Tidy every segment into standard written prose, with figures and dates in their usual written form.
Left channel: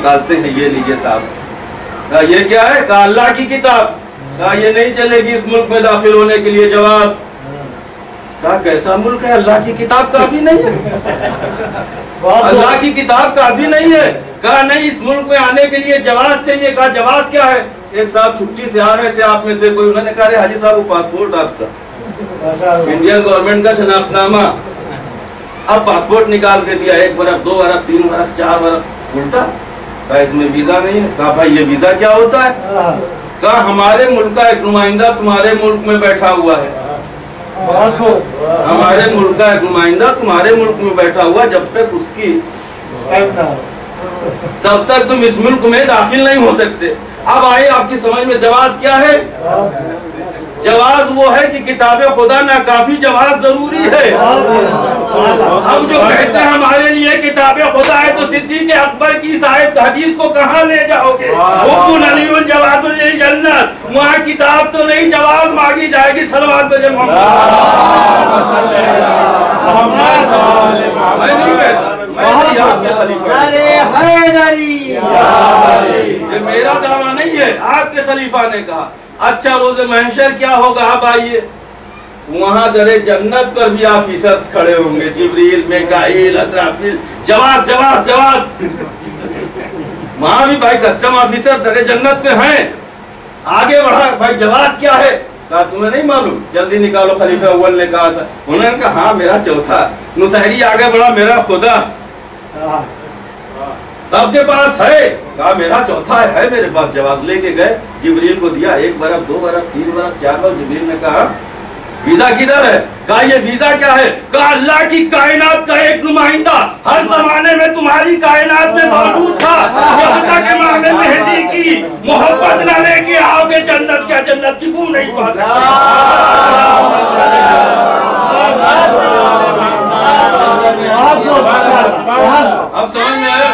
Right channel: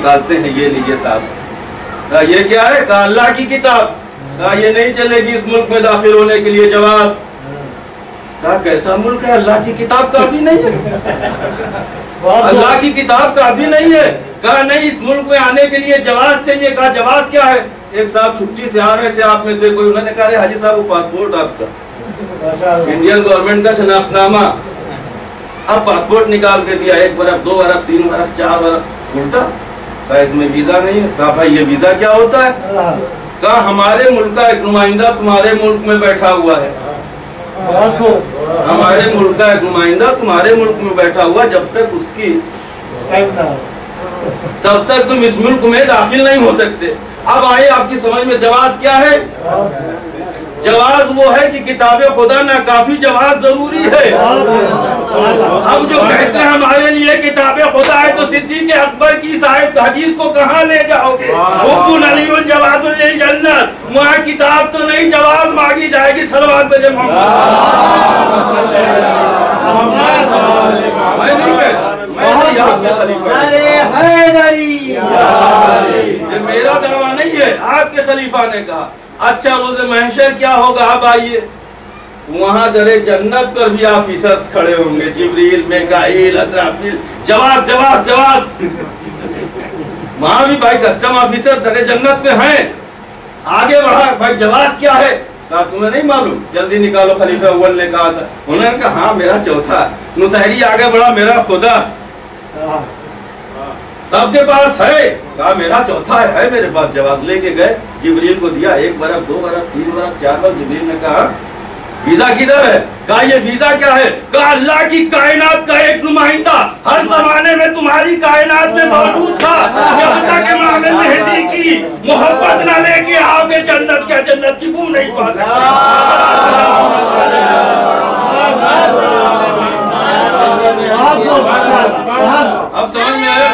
نکالتے ہیں، یہ لیجیے صاحب، یہ کیا ہے؟ کہا اللہ کی کتاب، کہا یہ نہیں چلے گی اس ملک میں داخل ہونے کے لیے جواز۔ کہا کیسا ملک ہے، اللہ کی کتاب کافی نہیں ہے؟ اللہ کی کتاب کافی نہیں ہے؟ کہا نہیں، اس ملک میں آنے کے لیے جواز چاہیے۔ کہا جواز کیا ہے؟ ایک صاحب چھٹی سے آ رہے تھے آپ میں سے کوئی، انہوں نے کہا حاجی صاحب وہ پاسپورٹ آپ کا، انڈین گورنمنٹ کا شناخت نامہ۔ اب پاسپورٹ نکال کے دیا، 1 برس 2 برس 3 برس 4 برس، الٹا کہا اس میں ویزا نہیں ہے۔ کہا بھائی یہ ویزا کیا ہوتا ہے؟ کہا ہمارے ملک کا ایک نمائندہ تمہارے ملک میں بیٹھا ہوا ہے، ہمارے ملک کا ایک نمائندہ تمہارے ملک میں بیٹھا ہوا، جب تک اس کی تب تک تم اس ملک میں داخل نہیں ہو سکتے۔ اب آئے آپ کی سمجھ میں جواز کیا ہے؟ جواز وہ ہے کہ کتاب خدا ناکافی، جواز ضروری ہے۔ ہم جو کہتے ہیں ہمارے لیے کتاب خدا ہے، تو صدیق اکبر کی اس آیت حدیث کو کہاں لے جاؤ گے؟ حکم علی جواز للجنت، وہاں کتاب تو نہیں، جواز مانگی جائے گی۔ صلوات بھیجے میں نہیں کہتا، یہ میرا دعویٰ نہیں ہے، آپ کے خلیفہ نے کہا۔ اچھا روز محشر کیا ہوگا؟ اب آئیے وہاں در جنت پر بھی آفیسرز کھڑے ہوں گے، جبریل، میکائیل، اسرافیل، جواز جواز جواز۔ وہاں بھی بھائی کسٹم آفیسر در جنت پہ ہیں۔ آگے بڑھا، بھائی جواز کیا ہے؟ کہا تمہیں نہیں معلوم؟ جلدی نکالو، خلیفہ اول نے کہا تھا۔ انہوں نے کہا ہاں میرا چوتھا۔ نصیری آگے بڑھا، میرا خدا سب کے پاس ہے، کہا میرا چوتھا ہے میرے پاس۔ جواز لے کے گئے، جبریل کو دیا، 1 برس 2 برس 3 برس 4 برس۔ جبریل نے کہا ویزا کدھر ہے؟ کہا یہ ویزا کیا ہے؟ کہا اللہ کی کائنات کا ایک نمائندہ ہر زمانے میں تمہاری کائنات میں موجود تھا، جب تک امام مہدی کی محبت نہ لے کے آؤ گے جنت کیا جنت کی بو نہیں پا سکتے۔ اب سمجھ میں آیا؟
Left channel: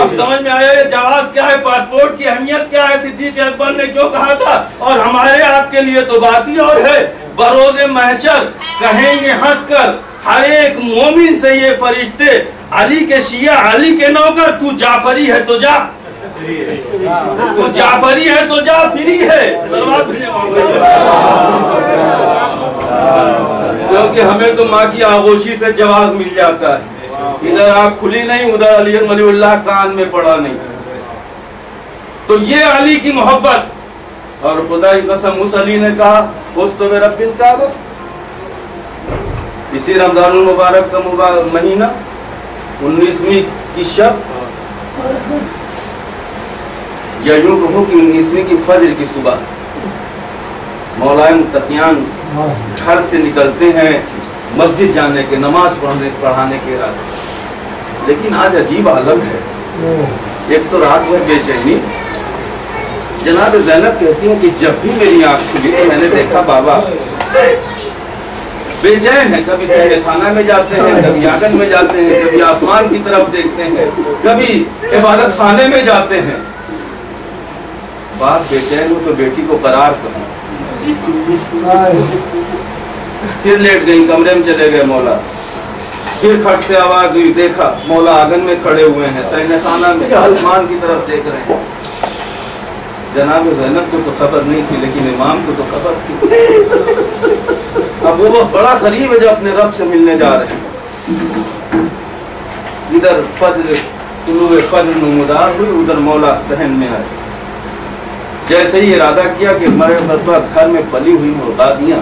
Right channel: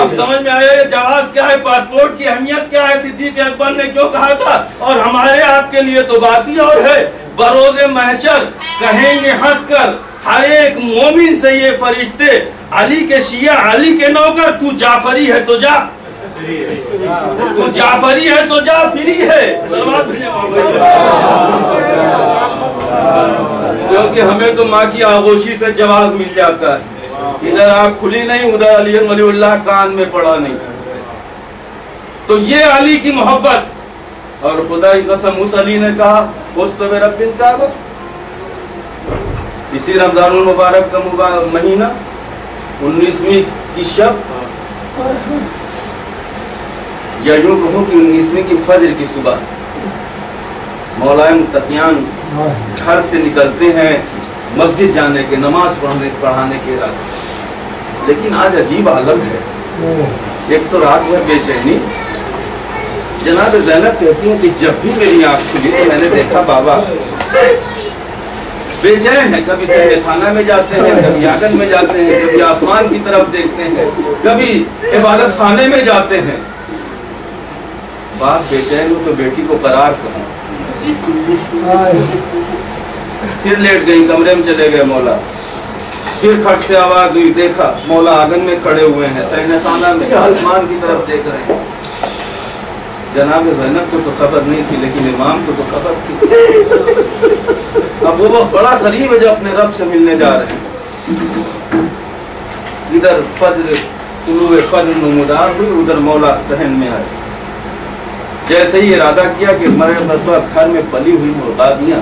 اب سمجھ میں آیا جواز کیا ہے، پاسپورٹ کی اہمیت کیا ہے، صدیق اکبر نے کیوں کہا تھا؟ اور ہمارے آپ کے لیے تو بات ہی اور ہے۔ بروز محشر کہیں گے ہنس کر ہر ایک مومن سے یہ فرشتے، علی کے شیعہ، علی کے نوکر، تو جعفری ہے تو جا، تو جعفری ہے تو جا، فری ہے۔ کیونکہ ہمیں تو ماں کی آغوشی سے جواز مل جاتا ہے، ادھر آنکھ کھلی نہیں، ادھر علی ولی اللہ کان میں پڑا نہیں۔ تو یہ علی کی محبت، اور خدا کی قسم اس علی نے کہا فزت برب الکعبہ۔ اسی رمضان المبارک کا مہینہ 19ویں کی شب، یا یوں کہوں کہ 19ویں کی فجر کی صبح، مولائے متقیان گھر سے نکلتے ہیں مسجد جانے کے، نماز پڑھانے کے ارادے سے۔ لیکن آج عجیب عالم ہے، ایک تو رات بھر بے چینی۔ جناب زینب کہتی ہیں کہ جب بھی میری آنکھ کھلی تو میں نے دیکھا بابا بے چین ہے، کبھی سہر خانہ میں جاتے ہیں، کبھی آنگن میں جاتے ہیں، کبھی آسمان کی طرف دیکھتے ہیں، کبھی عبادت خانے میں جاتے ہیں۔ باپ بے چین ہو تو بیٹی کو قرار کرو۔ پھر لیٹ گئی، کمرے میں چلے گئے مولا، پھر کھٹ سے آواز ہوئی، دیکھا مولا آنگن میں کھڑے ہوئے ہیں، صحن خانہ میں آسمان کی طرف دیکھ رہے ہیں۔ جناب زینب کو تو خبر نہیں تھی، لیکن امام کو تو خبر تھی۔ اب وہ بڑا قریب ہے جب اپنے رب سے ملنے جا رہے ہیں۔ ادھر فجر، طلوع فجر نمودار ہوئی، ادھر مولا صحن میں آئے۔ جیسے ہی ارادہ کیا کہ ہمارے مرتبہ گھر میں پلی ہوئی مرغابیاں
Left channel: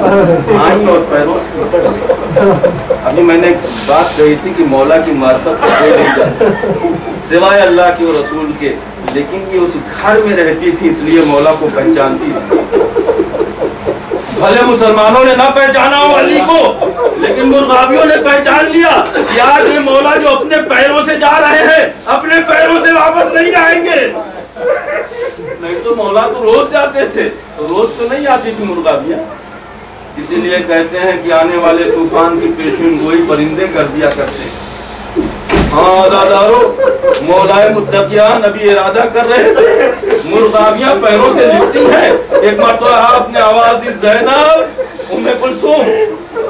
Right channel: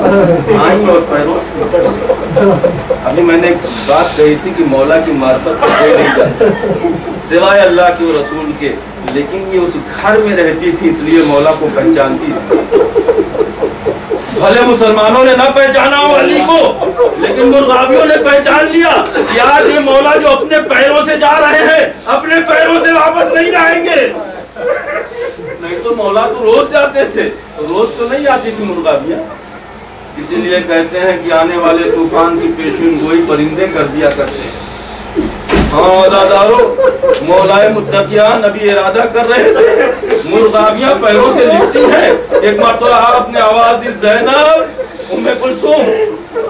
آئیں اور پیروں سے پکڑ لیں۔ ابھی میں نے ایک بات کہی تھی کہ مولا کی معرفت کو کوئی نہیں جانتا سوائے اللہ کے اور رسول کے، لیکن یہ اس گھر میں رہتی تھی اس لیے مولا کو پہچانتی تھی۔ بھلے مسلمانوں نے نہ پہچانا ہو علی کو، لیکن مرغابیوں نے پہچان لیا کہ آج یہ مولا جو اپنے پیروں سے جا رہے ہیں اپنے پیروں سے واپس نہیں آئیں گے۔ نہیں تو مولا تو روز جاتے تھے، تو روز تو نہیں آتی تھی مرغابیاں۔ اسی لیے کہتے ہیں کہ آنے والے طوفان کی پیشین گوئی پرندے کر دیا کرتے ہیں۔ ہاں عزادارو، مولائے متقیان نبی ارادہ کر رہے تھے، مرغابیاں پیروں سے لپٹی ہیں۔ ایک مرتبہ آپ نے آواز دی، زینب ام کلثوم،